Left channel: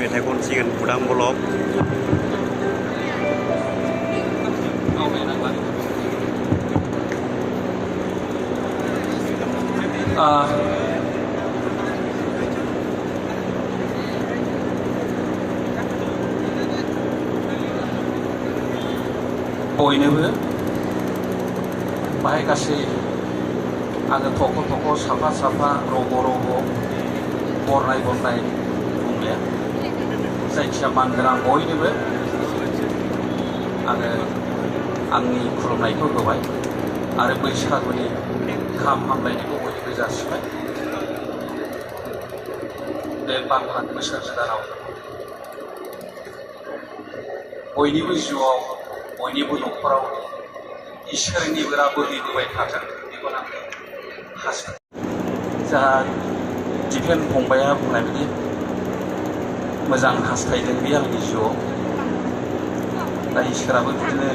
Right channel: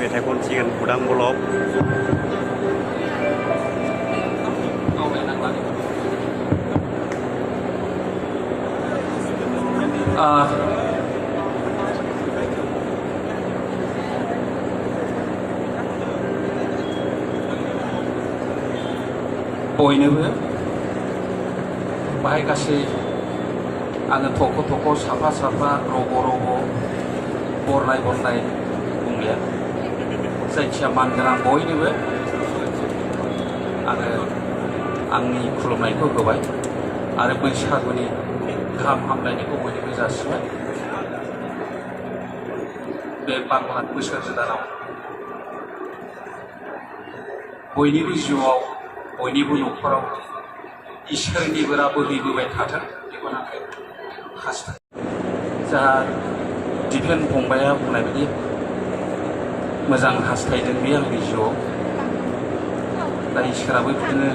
मेथाइ खनसिगोन उदां बलब बयनोबो बाहाय गासै आङो थख' साफा साफा रग' बरनाय बुंलिया जायखिया मानगोनां बयनोबो आङो आंनि खुलुमनायखौ होबाय आरो बैसागुनि गाहाम हामलायनायखौ बयनोबो जासिबाय बे बारलां बोसोर गोदानाव बयनिबो जिउआव बयनिबो न'खराव इसोरनि बोरा बोहैबोबाय थाथों बेखौनो आङो हास्थायो जा दिपेन फंबाया बुंनाय बायदि मोजां हास्थायदों बे आंनि जिउआव दा इसोराबो बिदिनो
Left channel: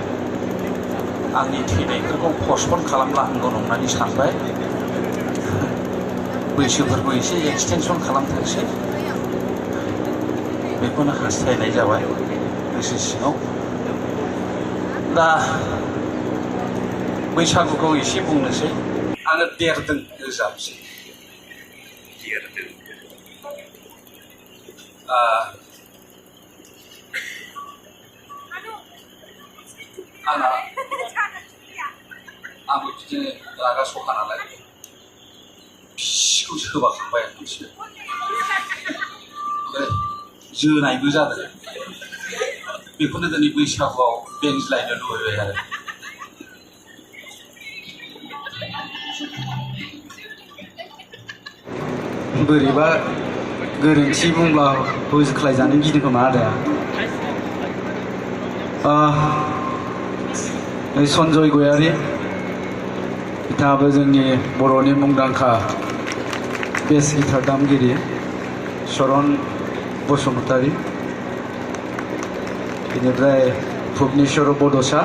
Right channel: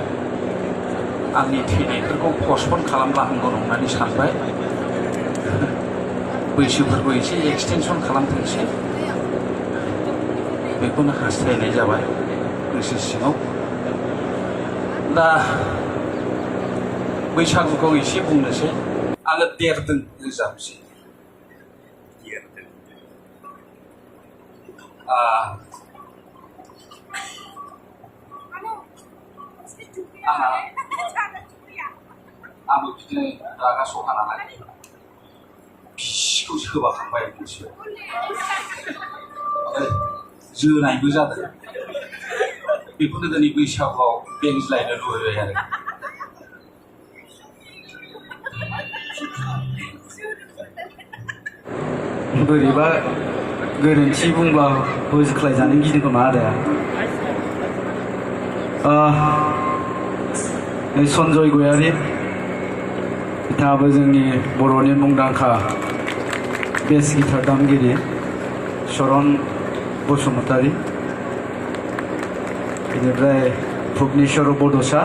आंनि थैनायफोरखौ पस्टपन खालामलांगौ होननानै सानबाय बैसोफोरखौ एसे एक्सटेनसन खालामथोंसै बेखौनो हास्थायनाय जाबाय गोसो सिङाव दा बैसागुखौ एसे बुंनोसै आङो देरदों रोजाबसै आंबो बिदिनो रागा सखा नालाय बिसिखौ सोबाखांबाय आं मोनसे ओमफ्राय जोनायबो जादों बेखौनो दिनै बैसागुआव बेंज्लायनो लुबैबाय आरो बोरैबा गोरोन्थि बुंब्ला होख्लायजानो गिदों खोमा आदाया सन्जय गयारि बिथाङाबो जोंनि बर'नि मुंदांखा बेस गिटार दामगिरि चरन बसुमतारी बेनिफ्राय भुबनेश्वर बड'सा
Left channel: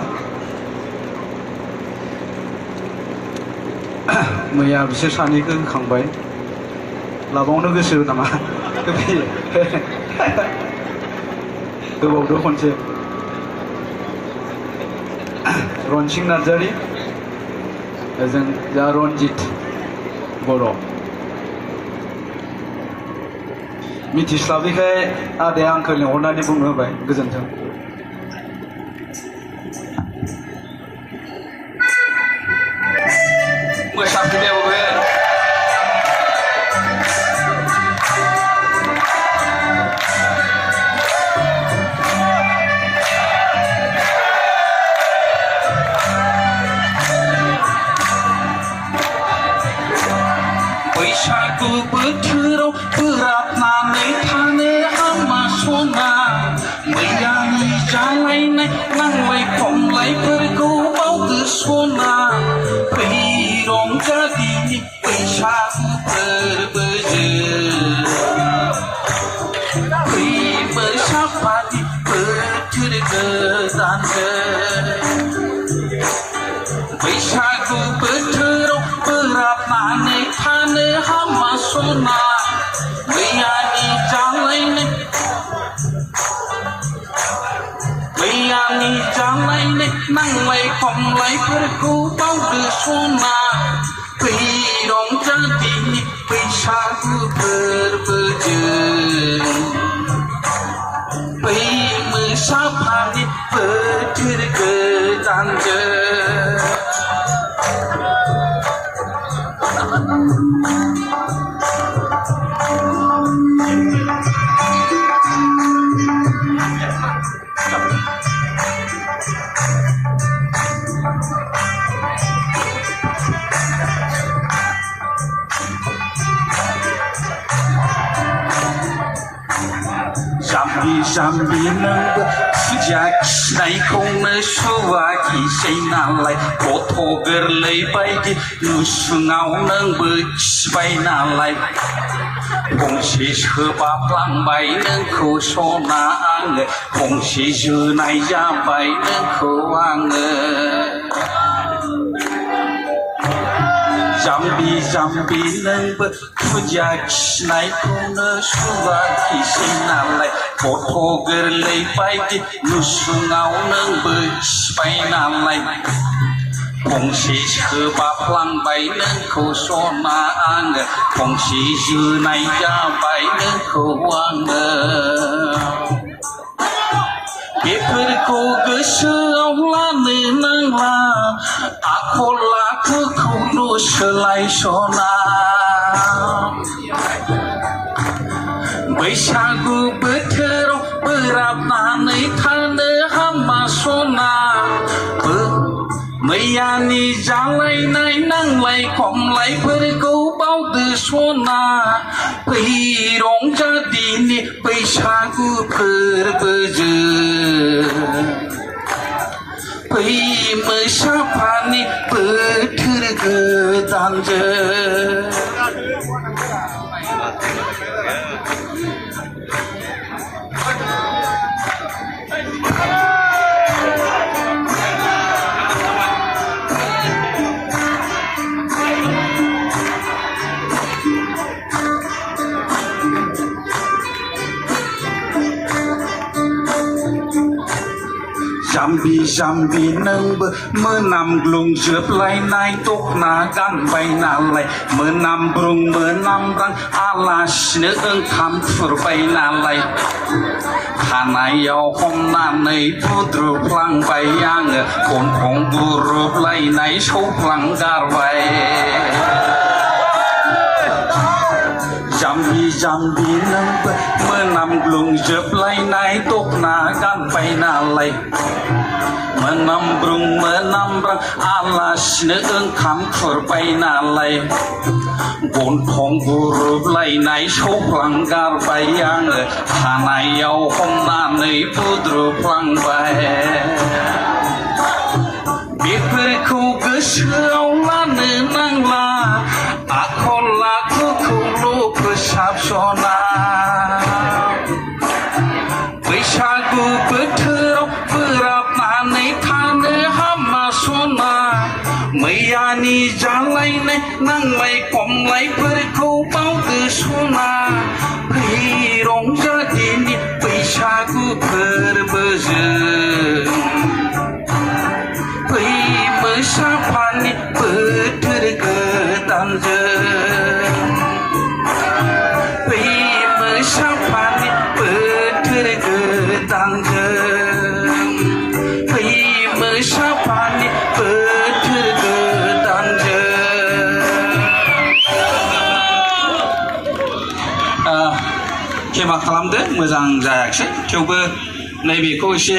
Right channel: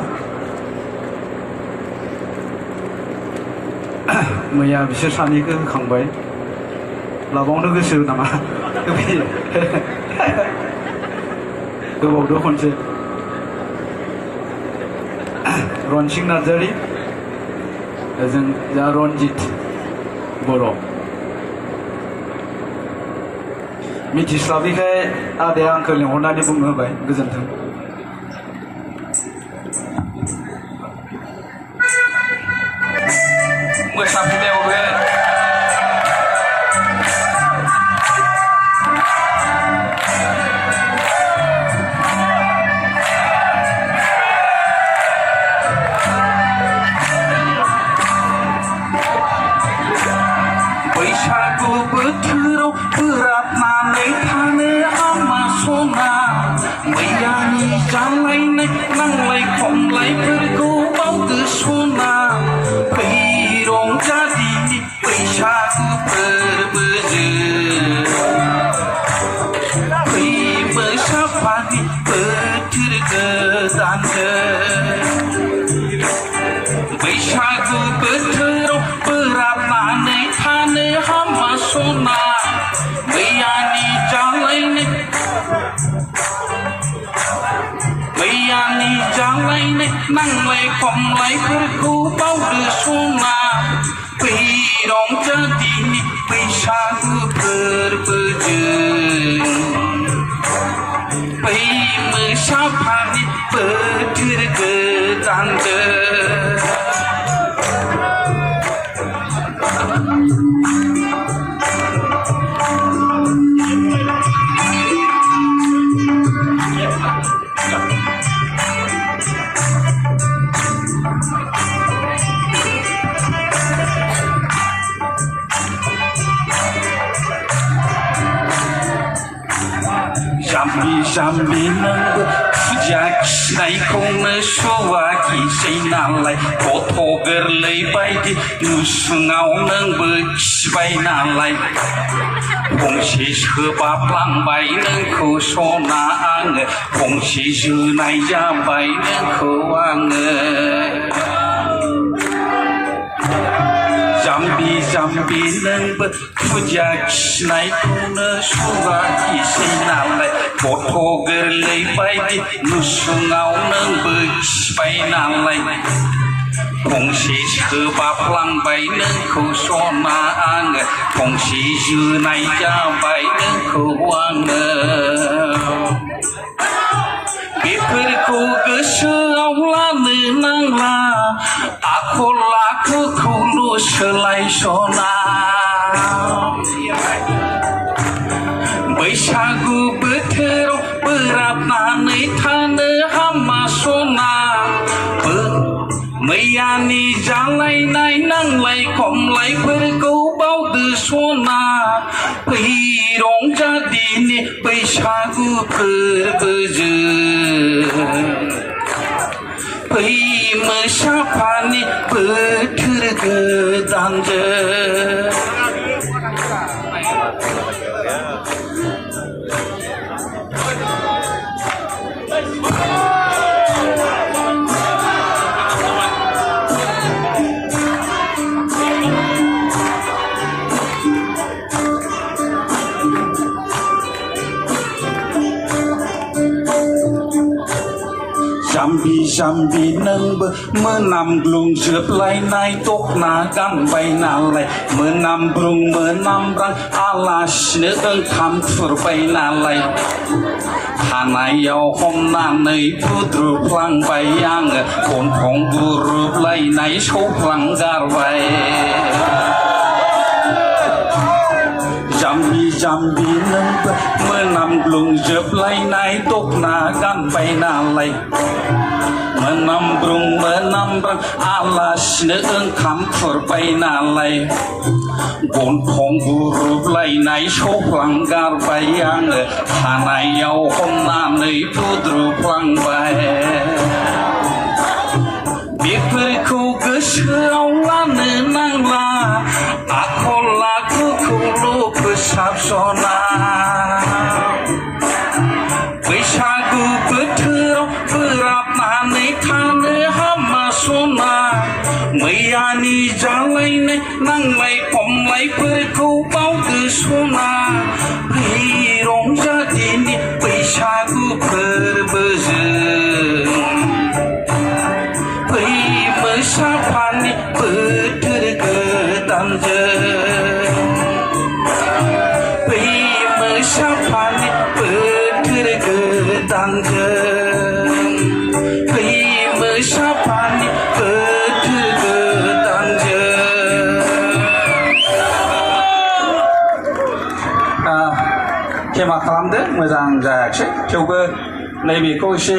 मैया बिसोर सानैखौ होखांबाय लाबावनो गोसो नामा होबावदो खनसे रनसिं नार्जारि जों जा रनजित बर' मिथिस्लाबैखाय आदाया आंखौ लिंहरनानै बुंनो होबाय गोजोन्थों बैसागु बोथोराव बोराबनानै थानो हामा सना मैयानि जालायनाय नांलाय खमलायफोरखौ बावदो सना फै रंजादिनि बैसागु फोरबोजों फै मोसाफानि बोथोर गोदानजों बैसागु बोथोराव बोराबनानै थानो हामा सना मैयानि जालायनाय नांलाय खमलायफोरखौ बावदो सना फै रंजादिनि बैसागु फोरबोजों फै मोसाफानि बोथोर गोदानजों जाम्बि नोंबो फुजा खिनायखौनो सुवाखिसै नालाय गथ' गोरलै बायदि उसुङाव नोंबो खिबाय नालाय फंसे सोबाबलांबाय नोंखौ सना आङो फंसे जोनाय जाबाय नोंखौ आङो जाम्बि नोंबो फुजा खिनायखौनो सुवाखिसै नालाय गथ' गोरलै बायदि गुसुङाव नोंबो खिबाय नालाय फंसे सोबाफ्लांबाय नोंखौ सना आङो फंसे जोनाय जाबाय नोंखौ आङो बेफोरखौ गोसोआव लानो नांला आखल आखुखौल' सोलायसना बैसागु बोथोराव बोराबनानै थानो हामा सना मैयानि जालायनाय नांलाय खमलायफोरखौ बावदो सना फै रंजादिनि बैसागु फोरबोजों फै मोसाफानि बोथोर गोदानजों जाम्बि जाम्बि नोंबो मोनामग्लुंजोबलायनाय दखना गानबाय नालाय मोनामब्रुं मोनामब्रां आलासिनो ओंखाम खुरबाय नालाय खानायाव हमनानै बुद्रुफ्लांबाय आङो गन्थं बुरुबलायनाय सौफ्लांगारबाय जाम्बि जाम्बि नोंबो मोनामग्लुंजोबलायनाय दखना गानबाय नालाय मोनामब्रुं मोनामब्रां आलासिनो ओंखाम खुरबाय नालाय गन्थं बुरुबलायनाय सौफ्लांगारबाय आङो खानायाव हमनानै बुद्रुफ्लांबाय बेफोरखौ गोसोआव लानो नांला आखल आखुखौल' फोसाबसना बैसागु बोथोराव बोराबनानै थानो हामा सना मैयानि जालायनाय नांलाय खमलायफोरखौ बावदो सना फै रंजादिनि बैसागु फोरबोजों फै मोसाफानि बोथोर गोदानजों फै मोसाफानि बोथोर गोदानजों फै मोसाफानि बोथोर गोदानजों खेमा खालामदो मोजां जायाखिसै थेवबो नैबेखौ एसे